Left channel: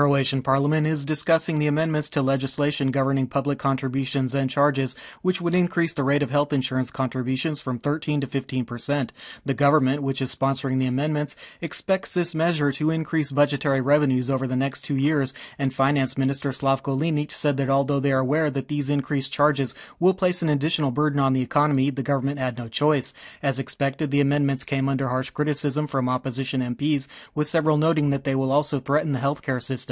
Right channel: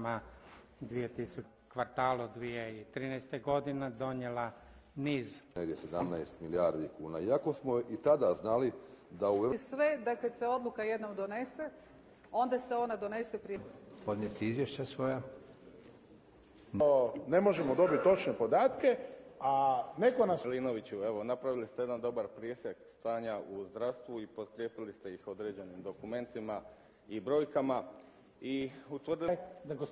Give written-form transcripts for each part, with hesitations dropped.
Croatian parliament is discussing the amendments to legislation governing public contributions and charges, which would increase the rate of health insurance contributions from 13 to 15%. The government, which is sponsoring the amendments, expects this measure to increase budgetary revenues over the next 2 years, and Finance Minister Slavko Linić said that although they are aware that these increased charges will place an additional burden on the economy, the government had no choice. As expected, the amendments came under harsh criticism from opposition MPs, with several noting that they will also threaten the healthcare system.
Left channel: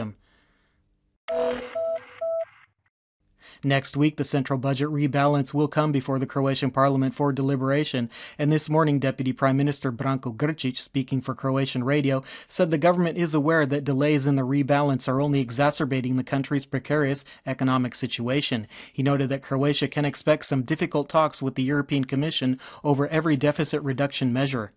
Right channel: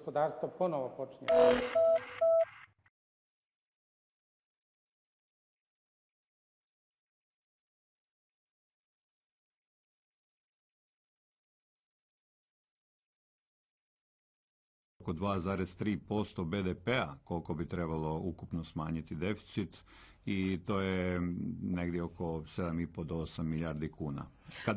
Next week, the central budget rebalance will come before the Croatian parliament for deliberation, and this morning Deputy Prime Minister Branko Grčić, speaking for Croatian radio, said the government is aware that delays in the rebalance are only exacerbating the country's precarious economic situation. He noted that Croatia can expect some difficult talks with the European Commission over every deficit reduction measure.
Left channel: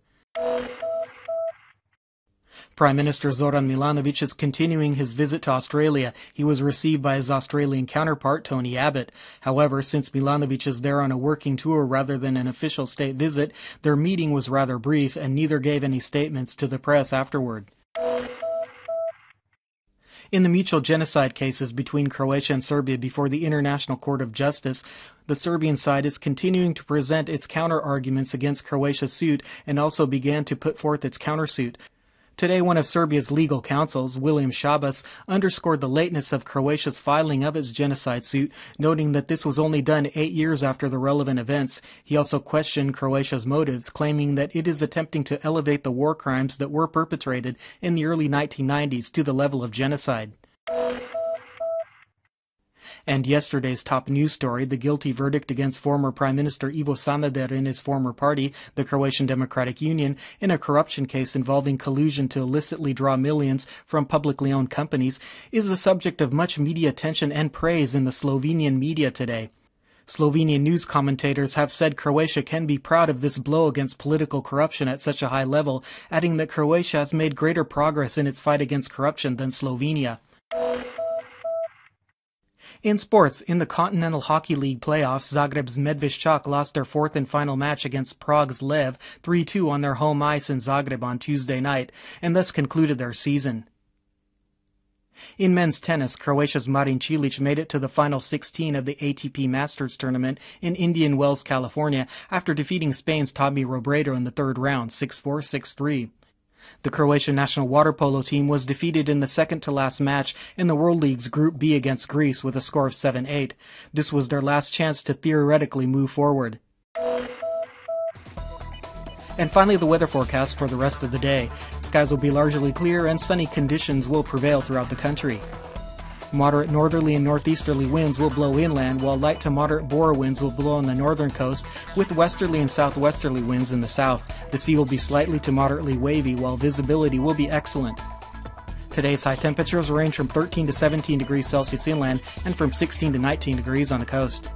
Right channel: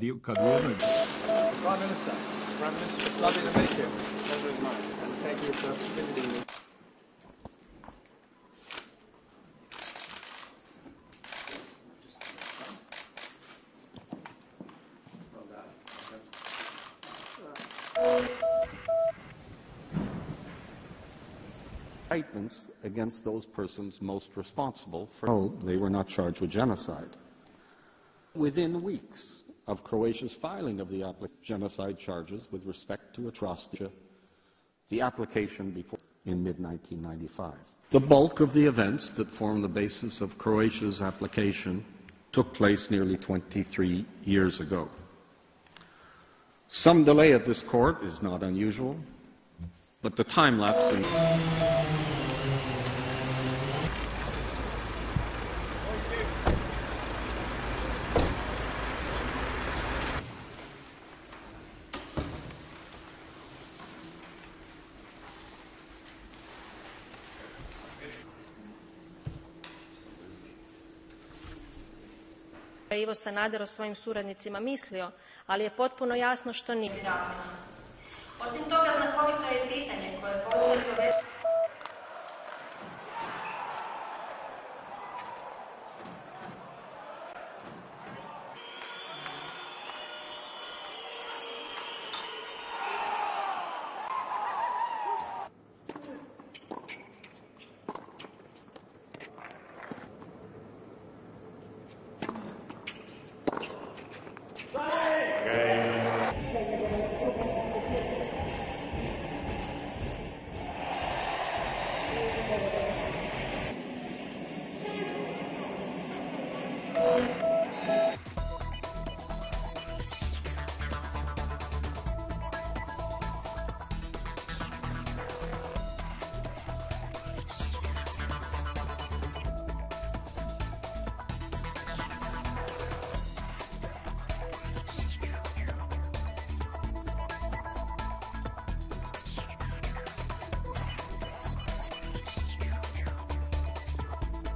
Prime Minister Zoran Milanović is continuing his visit to Australia. He was received by his Australian counterpart, Tony Abbott. However, since Milanović is there on a working tour rather than an official state visit, their meeting was rather brief, and neither gave any statements to the press afterward. In the mutual genocide cases between Croatia and Serbia before the International Court of Justice, the Serbian side is continuing to present its counter-arguments against Croatia's suit and also began to put forth its countersuit. Today, one of Serbia's legal counsels, William Shabas, underscored the lateness of Croatia's filing of its genocide suit, noting that this was only done 8 years after the relevant events. He also questioned Croatia's motives, claiming that it is attempting to elevate the war crimes that were perpetrated in the early 1990s to the level of genocide. And yesterday's top news story, the guilty verdict against former Prime Minister Ivo Sanader and his former party, the Croatian Democratic Union, in a corruption case involving collusion to illicitly draw millions from publicly owned companies, is the subject of much media attention and praise in the Slovenian media today. Slovenian news commentators have said Croatia can be proud of this blow against political corruption at such a high level, adding that Croatia has made greater progress in its fight against corruption than Slovenia. In sports, in the Continental Hockey League playoffs, Zagreb's Medveščak lost their fourth and final match against Prague's Lev 3-2 on their home ice in Zagreb on Tuesday night, and thus concluded their season. In men's tennis, Croatia's Marin Cilic made it to the final 16 of the ATP Masters tournament in Indian Wells, California, after defeating Spain's Tommy Robredo in the third round, 6-4, 6-3. The Croatian national water polo team was defeated in the second-to-last match in the World League's Group B against Greece with a score of 7-8. This was their last chance to theoretically move forward. And finally, the weather forecast for the rest of the day. Skies will be largely clear and sunny conditions will prevail throughout the country. Moderate northerly and northeasterly winds will blow inland, while light to moderate bore winds will blow on the northern coast, with westerly and southwesterly winds in the south. The sea will be slightly to moderately wavy, while visibility will be excellent. Today's high temperatures range from 13 to 17 degrees Celsius inland and from 16 to 19 degrees on the coast.